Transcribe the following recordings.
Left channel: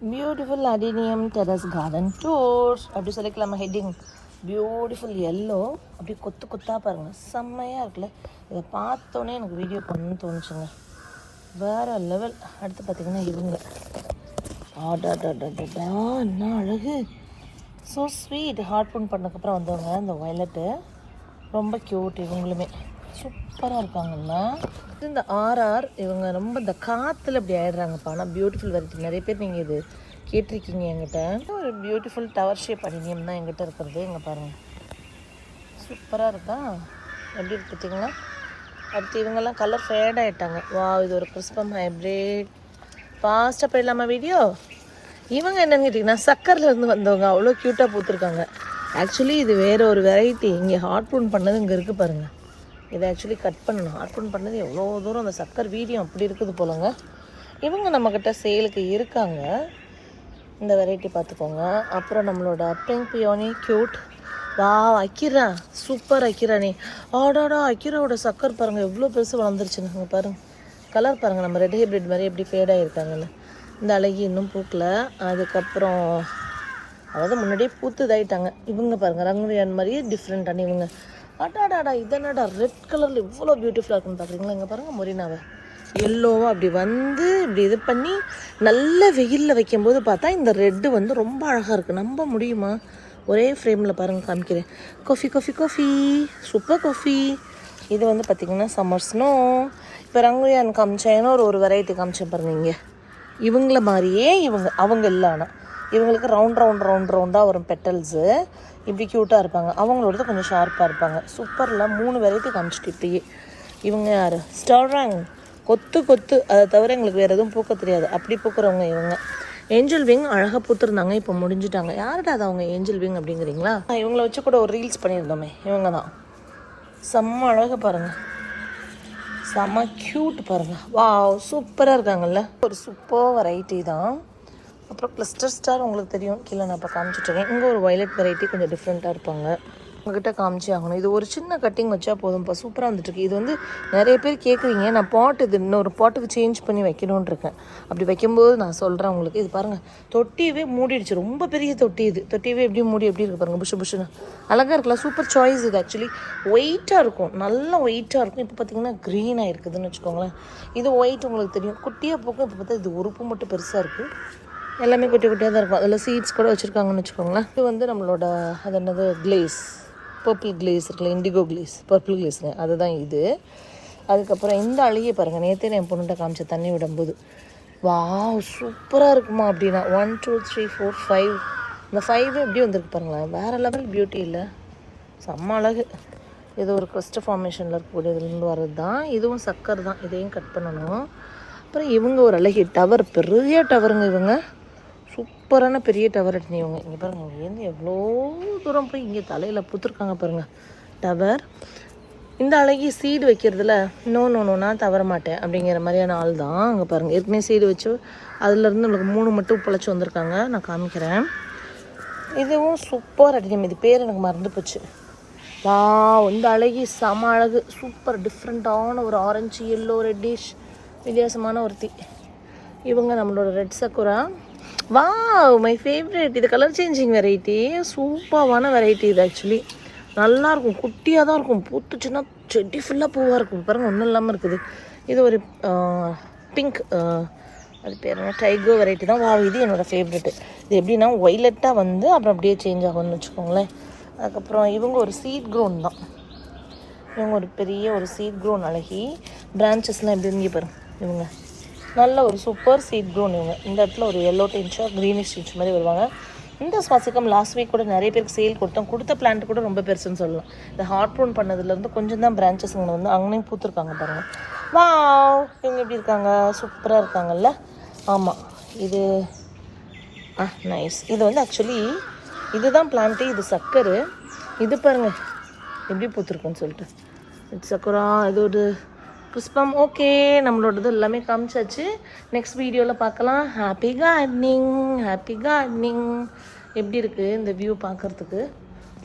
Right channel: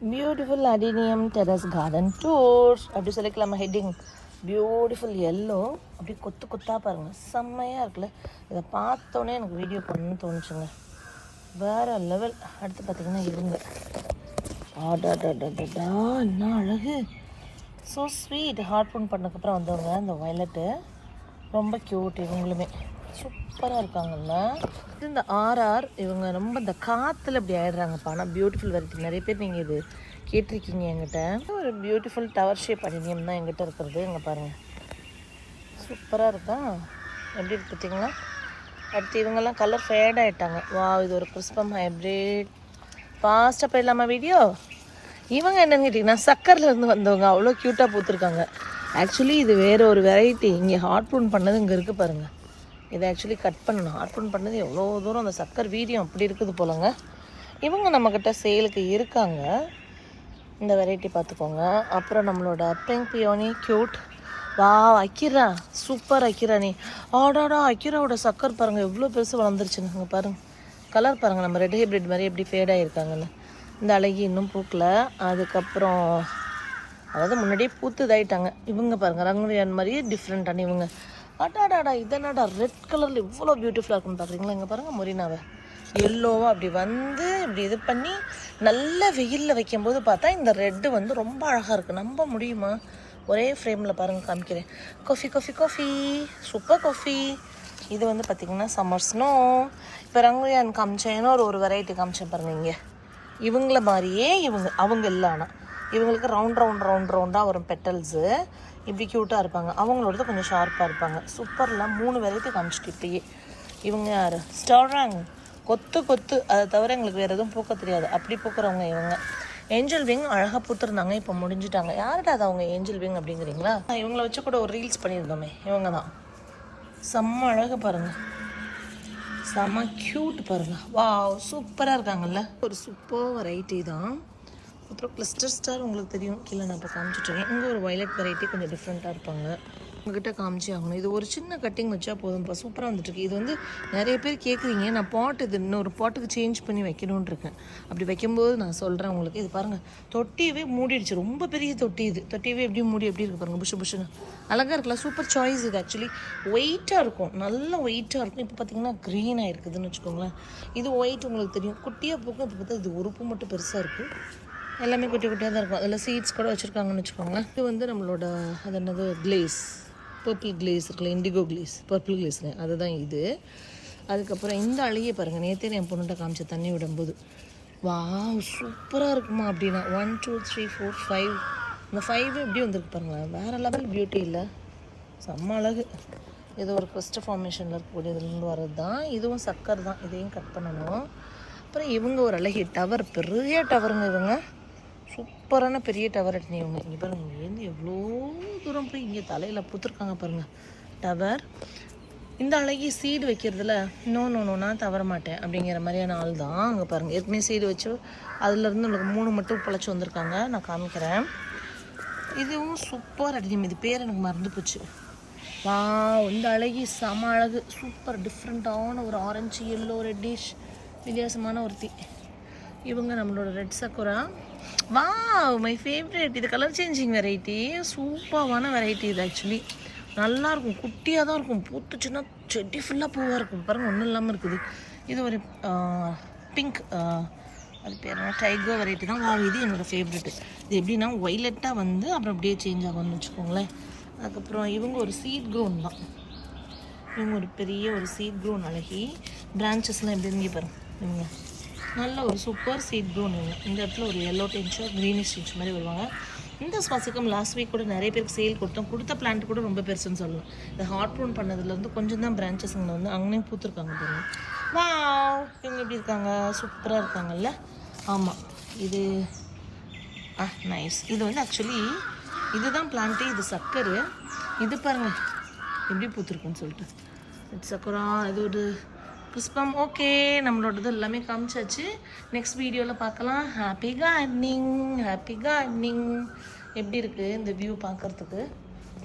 Beautiful adenium terrace garden tours அப்படி சொல்லிக்கலாமா heading beautiful yellow அப்படியே கொத்து கொத்தாக பாருங்க. செம்மையாக இருக்குல்ல. இதை பார்த்தோன்னே எனக்கு வீடியோ பண்ணணும்னு தோணுச்சுங்க. வேற லெவல் அடுத்து பார்த்தீங்கன்னா இதுங்க. ஆடாடாடாடா என்ன அழகு. ஸோ ஸ்வீட் ஹார்ட் பண்ணதுக்கப்புறம் வந்தவங்க இந்த வயலட்டு ரொம்ப க்யூட் இவங்களுமே. சூப்பராக இருக்காங்கல்ல இந்த ஆர்ஆர் இவங்க ரொம்ப இந்த காற்றுல இப்படி ஆயிடுறாங்கப்பா. ஆனால் பியூட்டிஃபுல் வருது நிறைய பேர் நீங்கள் இது கேட்டிருக்கீங்க என்கிட்ட. ஒரு பியூட்டிஃபுல் டவர் ஷேப் அடினியம் தான் எங்கிட்ட இருக்கிறது. இங்கே பாருங்கள் சூப்பராக இருக்கா? எப்படி இருக்கு பார்த்தீங்களா அடுத்து இவங்கெல்லாம் கலர் ஃபேட் ஆகிட்டாங்க வா இது ஒரு கிறிஸ்பம் ஹைப்ரிட் ஃபாஸ்ட்டாக போயிடலாமா வீடியோ இவங்க என்னன்னு கேட்டிங்கன்னா சக்கரில் இருந்து வந்தவங்க. அவ்வளோ க்யூட்டாக பூத்துருக்காங்க. ஆக்சுவலி இது வேறு ஒரு வெரைட்டி இங்கே ஹாட் ப்ரூன் பண்ணது இங்கே இருக்குது பாருங்கள் இதை ஆக்சுவலி கட் பண்ணணும். ஹாட் பண்ணது எவ்வளோ தூரம் அந்த சக்கர் வீரியம் அப்படி இருக்குது போலங்க. இவங்க நம்மக்கிட்ட சேலுக்கு இருக்காங்க. இந்த வெரைட்டி பார்த்துக்கோங்க. அப்புறம் நம்மளோட பிங்க் பியோனி க்யூட் வா அக்கிரா. சூப்பர் அக்கிரா நீ. ஆடாடா அக்கிராவோட சக்கர் பாருங்கள் எவ்வளோ பெருசு வளர்ந்துருச்சுன்னு அங்கே பாருங்க. கலர் பாருங்கள் நம்ம ரெட் ஹைப்ரிட் மாதிரி எப்படி ஃபேட் ஆகிருக்காங்கன்னு இந்த அழகி இன்னும் பூக்கல. அதுக்கப்புறம் அதாவது முன்னாடியே பூத்து இதாயிட்டாங்க. இவங்க பாருங்கள் ரங்குலியான் மாதிரியே டிஃப்ரெண்டான இவங்க. அடாடாடா இதனடா ரெட் கலரில் இவ்வளோ பியூட்டிஃபுல்லாக இருக்குன்னு பார்க்குறீங்களா இங்கே பாருங்க மொரினாவை. எல்லோ அப்படி வந்து இப்படி இது பண்ணி நல்ல வெயிலில் வைக்கும்போது பார்த்தா இந்த ரெட்டு வந்து ரொம்ப அழகாக இருக்குது நம்ப முடியுமா? ஒரே ஃப்ரேமில் பாருங்கள் காமிக்கிறேன். Coffee coffee coffee super coffee இது வந்து பார்த்திங்கன்னா சம்மர் ஸ்னோ இப்போ ரங்குலியான் காமிச்சேன்னா ஒரு ஒரு வெரைட்டி காமிச்சேன் பாருங்க இங்கே. இவங்கள மாதிரியே இவங்க அவங்க இல்லை ஆனால் இவங்களுக்கு ரவுண்ட் ரவுண்ட் ரவுண்ட் ரவுண்டாக வரும் பெட்டல்ஸு இப்படி க்யூட்டாக இருப்பாங்க அவங்களோடது கொஞ்சம் ஷார்ப்பாக இருப்பாங்க. சூப்பரில் மூணு வெரைட்டி காமிச்சிட்டு இப்படியே. இவங்க யார்? ஸ்டாராங் கொத்து கொத்து. அதை தவிர எங்களுக்கு வேறு எதுவும் பூக்க தெரியாது. அப்படி பூக்குறவங்க இவங்க. ஏஞ்சல் விங் அழகாக பூத்துருந்தாங்க. இப்போ முடிஞ்சிட்டாங்க. யாருடா அது அவங்க ஏஞ்சல் விங் அப்படிங்கிறீங்களா? இவங்கள வச்சு கூட ஒரு ரீல்ஸ் பண்ணியிருந்தோமே. இவங்க தான். செம்ம அழகு பாருங்கள் செம்ம க்யூட் பாருங்கள் வாவ் சூப்பராக இருக்காங்கல்ல. ஒரு சூப்பர் வெரைட்டி தான். அப்புறம் கிளஸ்டர் ஸ்டார் உங்களுக்கு தெரியும். கீழே நான் இப்போ காமிச்சிட்ருக்கேன் இங்கே ஒரு வயலட் வெரைட்டி கொஞ்சம் டிஃப்ரெண்ட்டாக இருப்பாங்க. உங்ககிட்ட காமிச்சே ஆகணும். இது ஒரு சின்ன கட்டிங் வச்சா போதும்ப்பா சூப்பராக வந்துட்டுருக்கு இது வந்து நிறைய பேர் கேட்குறீங்க நான் பாட் இது இன்னொரு பாட்டுக்கு சேஞ்ச் பண்ணி வைக்கணும்னு இருக்கேன். அப்படி வைக்கும்போது நான் சொல்கிறேன் உங்களுக்கு. இது பாருங்கள் தொட்டியவே மூடிடுச்சு. ரொம்ப பெரிய தொட்டி இது. தொட்டியவே எப்படி மூடி எப்படி இருக்கு பாருங்கள் புஷு புஷுன்னு. அழகாக இருக்கலாம் சூப்பர் சாய்ஸ் இது ஆக்சுவலி ஒயிட்டாக இருக்கும். நல்ல ஒயிட்டாக இருக்கும். இப்போ பார்த்தீங்கன்னா க்ரீனாக இருக்குதுன்னு வச்சுக்கோங்களேன். இது ஒயிட் உங்களுக்கு தெரியும். குட்டியாக போக்கும். இப்போ பார்த்தா இது உறுப்பு மட்டும் பெருசாக இருக்குது எல்லாமே குட்டி குட்டியாக தான் இருக்கும். அதில் சீட்ஸ் கூட வச்சுருக்காங்கன்னு வச்சுக்கோங்களேன். இது வந்து நம்மளோட அது என்னது? கிளேஸ் பர்பிள் கிளேஸ் இருக்குல்ல இண்டிகோ கிளேஸ் பர்பிள் கிளேஸ்னு அதுதான் இது. அதுக்கப்புறம் இந்த அழுகிய பாருங்கள் நேற்றே என் பொண்ணுகிட்ட காமிச்ச தண்ணி விடும்போது வா சூப்பராக இருக்குமா அப்படின்னா one two three four five இந்த ஃபைவ் எப்படி வந்திருக்கு பாருங்களேன். வேறு லெவல் பியூட்டி இல்லை. செம்ம அழகு. இது ஒரு கிறிஸ்ட ஃபார்மேஷனில் இருக்கக்கூடிய இதுலேருந்து வர்றது தான் இதுவும் சக்கர் தான். இதையும் கட் பண்ணணும். அப்புறம் இவங்க ஒரு அழகிய டவர் பெரிய டவருங்க இவங்க. சூப்பரான பெரிய டவர் எடுத்து இவங்க இங்கே பாருங்கள் இங்கேருந்து எவ்வளோ தூரம் போய் இங்கே தலையில் பூத்துருக்காங்க பாருங்கள் டவர் இந்த அழகி சீடு வைக்கிறதுல நோ நோ நோ நான் தவற மாட்டேன். அப்படிங்கிற மாதிரியான ஆள் தான் அங்கே பாருங்கள் ஏற்கனவே சீடு வச்சு அதுலேருந்து நம்மளுக்கு மூணு மட்டும் பிழைச்சி வந்திருக்காங்க. நான் காமிக்கிறேன். இதுவும் சூப்பர் அடிக்கம் இது பேர் எனக்கு மறந்து போச்சு. வா இந்த அழகி செம அழகு. சூப்பர் டிஃப்ரெண்ட்டான ஒரு ஆரஞ்சு எல்லோ ரெட்டிஷ் வித்தியாசமான ஒருத்தி. இவங்க நம்மளோட ரெட் சக்குரா வா மை ஃபேவரட் இது கலர் சேஞ்சிங் வெரைட்டி சூப்பரான வெரைட்டி இது ஆக்சுவலி நல்லாயிருக்கும் குட்டியாக தான் இருக்கும். பூத்துச்சுன்னா செடி ஃபுல்லாக பூவாக இருக்கும். பாருங்கள் ஒன்றும் இல்லாமல் இருக்குது. இது ஒரு பிங்க் அது பேர் என்ன? டைகோ வெரைட்டி தான். வா இது என்னோடய ஃபேவரெட்டு இது எப்படின்னா ஒய்லெட்டாக வந்து அப்புறம் அப்படியே சேஞ்ச் ஆகும்னு வச்சுக்கோங்களேன். அதுக்கப்புறம் இவங்க ஒரு சீட் க்ரோன் தான். இவங்க ஒரு பெரிய ஒரு சீட் க்ரோன் அழகி பிரான்ச்சஸ்லாம் எப்படி இங்கே பாருங்க இவங்க. நல்ல ஒரு சூப்பர் சீட் க்ரோன் இவங்க இந்த இடத்துல ஒரு எல்லோ டென்ஷாக க்ரீனிஷ் டென்ச் மாதிரி வருவாங்க. இந்த சுவாசிக்கம் லாஸ்ட் வீக் கூட நிறைய பேருக்கு சேல் கொடுத்தோம். கொடுத்த பிளான்ட் கூட ரொம்ப பெருசுன்னு சொல்லலாம். இந்த ஹார்ட் ப்ரோன் பண்ணதுலேருந்து கொஞ்சம் தான் பிரான்ச்சஸ் இங்கே வந்து அங்கேயும் பூத்துருக்காங்க பாருங்கள் வா இவங்க எப்படி இருக்காங்க? சூப்பராக இருக்காங்கல்ல? ஆமாம் இது ஆ நைஸ் இது வந்து ஆக்சுவலி இதுதான் பிளான்ட்டு இது சக்கரு. இது பாருங்க. எப்படி பூத்துருக்குன்னு சொல்லிட்டு. இட்ஸ் சக்கரா இது ஒரு புஷ்பம். ஓகே நம்மளோடது எல்லாமே காமிச்சாச்சு. நெக்ஸ்ட் வீடியோவில் பார்க்கலாம். ஹாப்பி கார்டனிங் ஹாப்பி கார்டனிங் எப்படி இருக்குது இந்த வியூ பார்க்குறதுக்கு?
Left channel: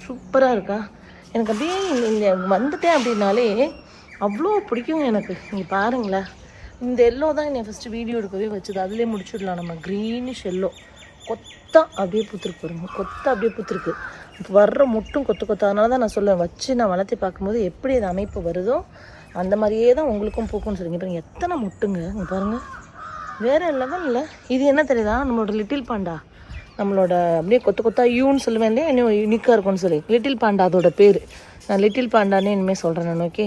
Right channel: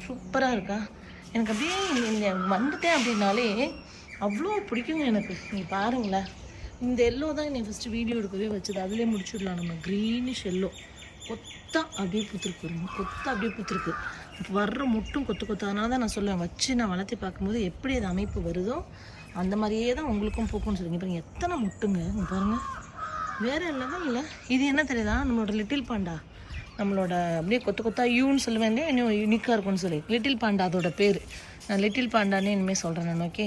சூப்பராக இருக்கா? எனக்கு அப்படியே இந்த- வந்துட்டேன் அப்படின்னாலே அவ்வளோ பிடிக்கும் எனக்கு. நீங்கள் பாருங்களேன். இந்த எல்லோ தான் என்னை ஃபஸ்ட்டு வீடியோ எடுக்கவே வச்சது. அதிலே முடிச்சுடலாம். நம்ம க்ரீனிஷ் எல்லோ கொத்தா அப்படியே பூத்துருக்கு பாருங்க. கொத்தா அப்படியே பூத்துருக்கு. வர்ற முட்டும் கொத்து கொத்தா. அதனால தான் நான் சொல்லுவேன் வச்சு நான் வளர்த்தி பார்க்கும்போது எப்படி அது அமைப்பு வருதோ அந்த மாதிரியே தான் உங்களுக்கும் பூக்கும்னு சொல்லுங்க பாருங்க எத்தனை முட்டுங்க? இங்கே பாருங்க. வேற லெவல் இல்லை இது என்ன தெரியுதா? நம்மளோட லிட்டில் பாண்டா நம்மளோட அப்படியே கொத்து கொத்தா யூன்னு சொல்லுவேன் இல்லையா? இன்னும் யூனிக்காக இருக்கும்னு சொல்லி. லிட்டில் பாண்டா அதோட பேர். நான் லிட்டில் பாண்டானே இனிமேல் சொல்கிறேன் நான் ஓகே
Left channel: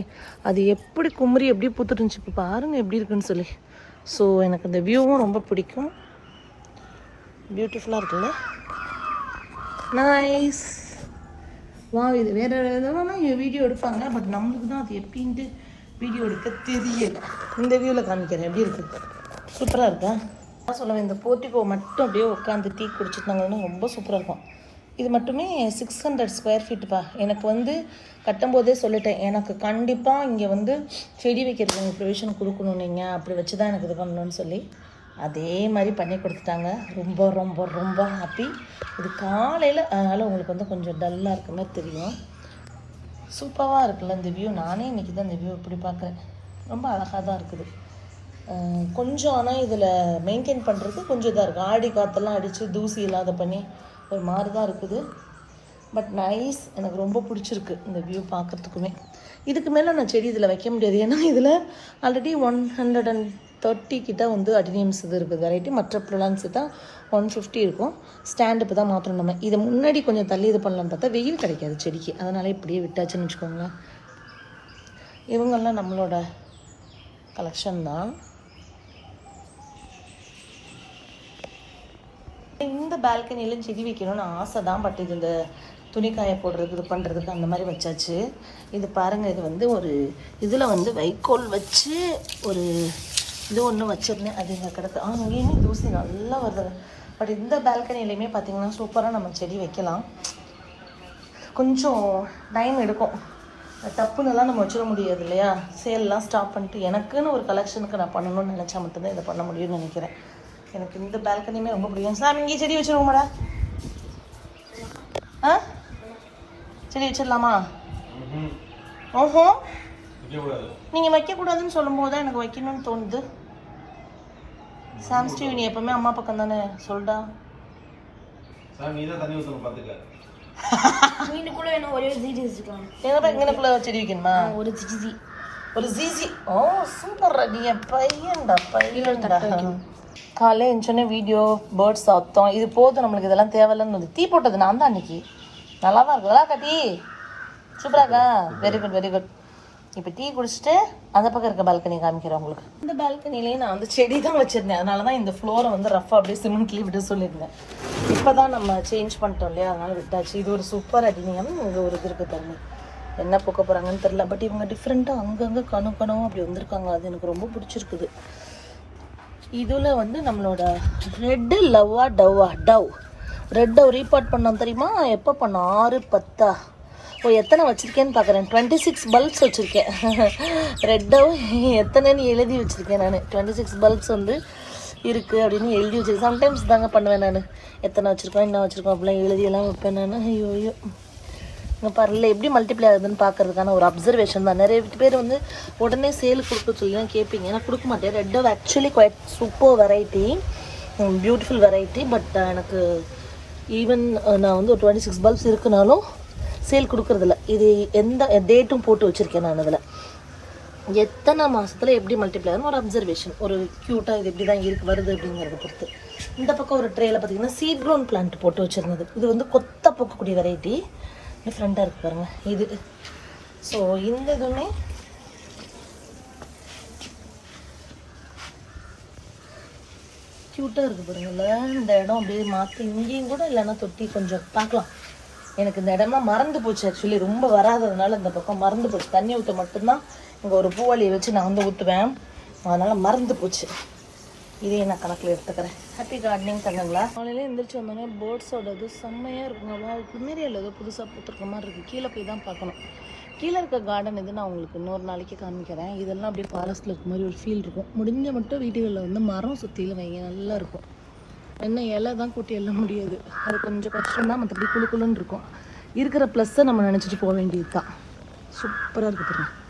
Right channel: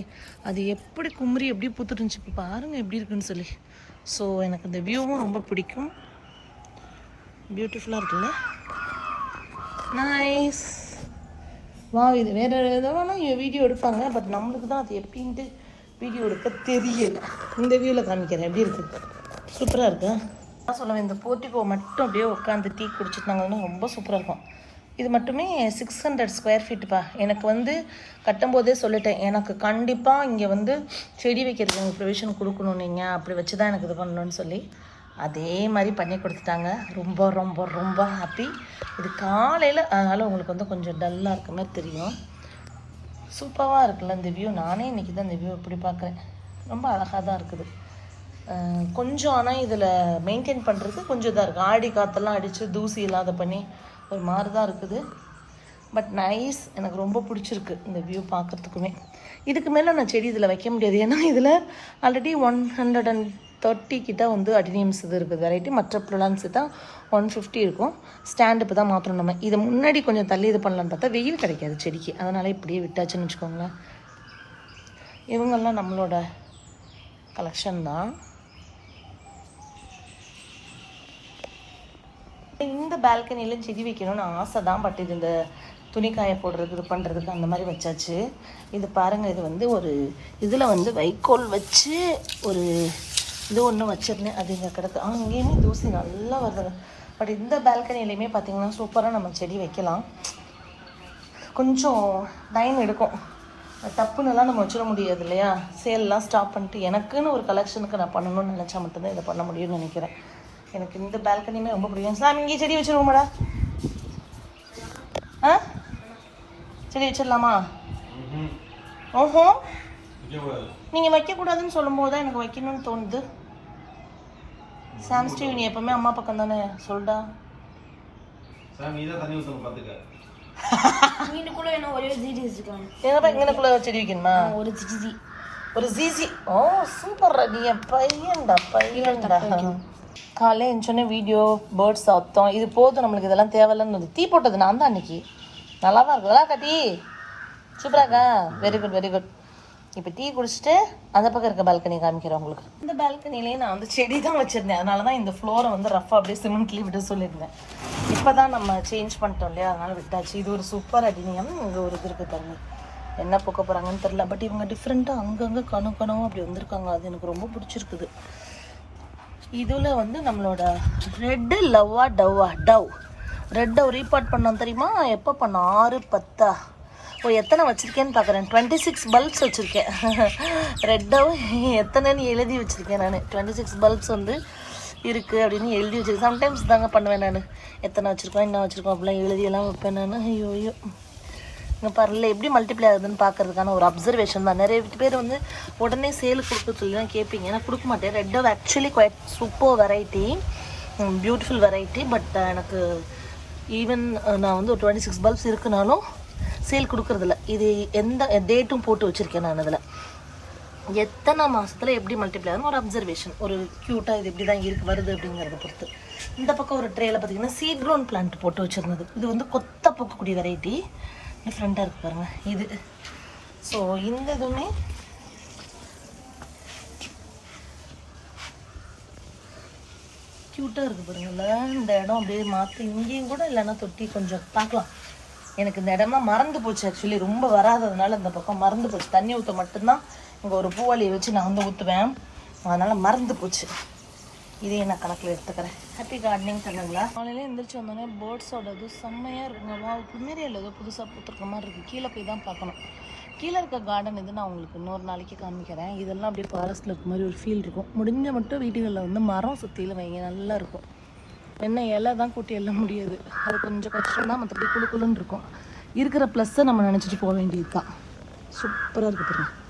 அது எப்படி குமரி எப்படி பூத்துட்டுருந்துச்சு இப்போ பாருங்கள் எப்படி இருக்குன்னு சொல்லி. ஸோ எனக்கு இந்த வியூவும் ரொம்ப பிடிக்கும். பியூட்டிஃபுல்லாக இருக்குல்ல? நைஸ் வா இது வேறு எதாவது வீடியோ எடுப்பாங்க. பட் நம்மளுக்கு தான் அது எப்படின்ட்டு வீடியோ எடுக்க தெரியல இந்த வியூவில் காமிக்கிறேன். எப்படி இருக்கு? சூப்பராக இருக்கா? நான் சொல்லுவேன் இந்த போர்ட்டிகோ மட்டும் அப்படியே உட்காந்து டீ குடிச்சிட்டு நாங்கள் ரொம்ப சூப்பராக இருக்கும். இது மட்டுமே சிக்ஸ் ஹண்ட்ரட் ஸ்கொயர் ஃபீட்டுப்பா எனக்கு வந்து கட்டும்போதே சொல்லிட்டேன். எனக்கு கண்டிப்பாக இங்கே வந்து செடி வைக்கிறதுக்கு எனக்கு ப்ரொவிஷன் கொடுக்கணும் நீங்கள் அப்படி வச்சு தான் எனக்கு இது பண்ணணும்னு சொல்லி அதே மாதிரி பண்ணி கொடுத்துட்டாங்க. ரொம்ப ரொம்ப ரொம்ப ஹாப்பி இது காலையில் அதனால் உங்களுக்கு வந்து கொஞ்சம் டல்லாக இருக்க மாதிரி தெரியும். சூப்பராக இருக்குல்ல இந்த வியூ நானே இன்றைக்கி தான் இந்த வியூ இப்படி பார்க்குறேன். ரொம்ப அழகாக தான் இருக்குது. கொஞ்சம் ஆனால் இதில் மெயின்டைன் பண்ணுறது கொஞ்சம் இதாக இருக்குது ஆடி காற்றெல்லாம் அடித்து தூசி இல்லாத பண்ணி ஒரு மாதிரி தான் இருக்குது. பட் நைஸ் எனக்கு ரொம்ப பிடிச்சிருக்கு இந்த வியூ பார்க்குறதுக்குமே. இதுக்கு மேலே நான் செடி இதில் வைக்க முடியாது. ஏன்னா இதில் already one hundred and thirty கிட்ட வந்து அடினியம்ஸ் இது இருக்குது. வெரைட்டி மற்ற ப்ளூலான்ஸ் தான் ஒன் ஃபிஃப்டி இருக்கும். ஸ்டாண்ட் இப்போ தான் மாற்றணும் நம்ம. இதை முன்னாடி கொஞ்சம் தள்ளி இது பண்ணலான்னு பார்த்தா வெயில் கிடைக்காது செடிக்கு. அதனால் இப்படியே விட்டாச்சுன்னு வச்சுக்கோங்களேன். இவங்கெல்லாம் நம்மளோட கலெக்ஷன் தான். இந்த பால்கனிலையும் செடி வைக்கணும்னு ஆசை தான் பட் இது இந்த துணி காய போடுறது இது பண்ணுறதுக்கு அந்த மாதிரி வச்சாச்சு. இது பாருங்கள் இது வந்து ஒரு இதில் வந்து வைக்கோல் வச்சு ஒரு இது ஒன்று வச்சிருந்தேன். அது இங்கே கிடக்கு. ஆ இங்கேயுமே தூசி நல்லா வருது. பட் இந்த பால்கனிலையுமே பார்த்தீங்கன்னா சூப்பராக நம்ம செடி வைக்கலாம். கொஞ்சம் டைம் எடுக்கும். டப்புன்னெல்லாம் நம்ம வச்சிட முடியாது இல்லையா? சேல்லாம் ஸ்டாப் பண்ணிட்டு எனக்குன்னு ஒரு கலெக்ஷனுக்கு நான் பண்ணணும்னு நினச்சா மட்டும்தான் இதை பண்ண முடியும்னு நினைக்கிறேன். எனக்கு இந்த பால்கனியுமே ரொம்ப பிடிக்கும். சாமி இங்கே செடி வச்சிருவோமாடா ஆ? செடி வச்சிடலாமா? ஓஹோ. நீங்கள் வைக்கக்கூடாதுன்னு சொல்லும் போது தான் எனக்கு வைக்கணும்னு தோணுது. சாம் ஸ்டீவ் நீ எப்பவுமே அம்மா பக்கம் தானே? சொல்டா. சாமி நீதான் தண்ணி என்ன ஒரே இங்கனக்குள்ள செடி வைக்கணுமா? ஒரு ஜிஜி. ஒரு ஜிசி ஓ சூப்பர் நீ பையன்டா பையன்டா. காலையில் எழுந்தோடனே வீடியோ பேர்ட்ஸ் சத்தம் இது போதும் நம்மளுக்கு இதெல்லாம் தேவையில்லைன்னு வந்து டீ போட்டது நான் தான் அன்னைக்கு. நல்லா தான் இருக்குதா கட்டி சூப்பராக்கா வெரி குட் வெரி குட் இப்போ டீ குடிச்சிட்டு அந்த பக்கம் இருக்க பால்கனி காமிக்கிறேன் உங்களுக்கு. இந்த பால்கனிலேயே நான் வந்து செடி தான் வச்சிருந்தேன். அதனால தான் இந்த ஃப்ளோரை வந்து ரஃபாக அப்படியே சிமெண்ட்லேயே விட சொல்லியிருந்தேன். இப்போ தான் நம்ம சேஞ்ச் பண்ணிட்டோம் இல்லையா? அதனால விட்டாச்சு. இது ஒரு சூப்பர் அடினியம் இங்கே ஒரு இது இருக்குது தண்ணி என்ன போக்க போகிறாங்கன்னு தெரில பட் இவங்க டிஃப்ரெண்ட்டாக அங்கங்கே கணு கனவும் அப்படி வந்திருக்காங்க. அது எனக்கு ரொம்ப பிடிச்சிருக்குது. இதில் வந்து நம்மளோட ரெட்டு லவ்வா டவ்வா? டவ். ரெட் டவ் ரீபார்ட் பண்ணோம் தெரியுமா? எப்போ பண்ணோம்? ஆறு பத்தா? ஓ எத்தனை வச்சுருக்கேன்னு பார்க்குறேன் டுவெண்ட்டி சிக்ஸ் பல்ப்ஸ் வச்சுருக்கேன். ரெட் டவ் எத்தனைன்னு எழுதி வச்சுருக்கேன் நான். டுவெண்ட்டி சிக்ஸ் பல்ப்ஸ் வந்து இருக்குது அப்படின்னு எழுதி வச்சுருக்கேன். சம்டைம்ஸ் தாங்க பண்ணுவேன் நான். எத்தனை வச்சுருக்கோம் என்ன வச்சுருக்கோம் அப்படிலாம் எழுதியெல்லாம் வைப்பேன் நான். ஐயோ ஐயோ. இங்கே எப்படி மல்டிப்ளை ஆகுதுன்னு பார்க்கறதுக்கான ஒரு அப்சர்வேஷன் தான். நிறைய பேர் வந்து உடனே சேல் கொடுக்க சொல்லி தான் கேட்பீங்க. நான் கொடுக்க மாட்டேன். Red dove actually quite super variety beautiful variety but எனக்கு ஈவன் நான் வந்து ஒரு டுவெண்ட்டி சிக்ஸ் பல்ப்ஸ் இருக்குனாலும் சேல் கொடுக்குறதில்ல. இது எந்த டேட்டும் போட்டு வச்சுருக்கேன் நான் அதில். எத்தனை மாதத்தில் எப்படி மல்டிப்ளை ஆகும் ஒரு அப்சர்வேஷன் ஒரு க்யூட்டாக இது எப்படி தான் இருக்கு வருது அப்படிங்கிறத பொறுத்து. இந்த பக்கம் ஒரு ட்ரேல பார்த்தீங்கன்னா சீட் க்ரோன் பிளான்ட் போட்டு வச்சுருந்தது. இது வந்து கொத்த பூக்கக்கூடிய வெரைட்டி டிஃப்ரெண்ட்டாக இருக்குது பாருங்கள் இது. ஸோ இந்த இதுவுமே க்யூட்டாக இருக்குது பாருங்கல்ல இந்த இடம் அப்படியே மாற்றி இங்கேயும் கூட இல்லைன்னா தொட்டி கொஞ்சம் பார்க்கலாம். எனக்கு இந்த இடம்லாம் மறந்து போச்சு ஆக்சுவலி ரொம்ப வராததுனால இந்த பக்கம் மறந்து போச்சு. தண்ணி ஊற்ற மட்டும்தான் இங்கே ஒரு பூவாளியை வச்சு நான் வந்து ஊற்றுவேன் அதனால் மறந்து போச்சு. இதையும் நான் கணக்கில் எடுத்துக்கிறேன். ஹாப்பி கார்டனிங் தங்கங்களா? காலையில் எந்திரிச்சு வந்தோடனே பேர்ட்ஸோட இது செம்மையாக இருக்குங்க. வா குமேரியில் ஏதோ புதுசாக பூத்துருக்க மாதிரி இருக்குது கீழே போய் தான் பார்க்கணும். கீழே இருக்க கார்டன் இது நான் உங்களுக்கு இன்னொரு நாளைக்கு காமிக்கிறேன். இதெல்லாம் அப்படியே ஃபாரஸ்ட்டில் இருக்க மாதிரி ஒரு ஃபீல் இருக்கும். முடிஞ்ச மட்டும் வீடுகளில் வந்து மரம் சுற்றியில் வைங்க நல்லா இருக்கும். என்ன இலை தான் கூட்டி எல்லாம் முடியாது. அது கொஞ்சம் கஷ்டம் தான் மற்றபடி குழு குழுன்னு இருக்கும். இருக்கிற ப்ளஸ்ஸை நம்ம நினச்சிட்டு போக வேண்டியது தான் சூப்பராக இருக்குது பாருங்கள்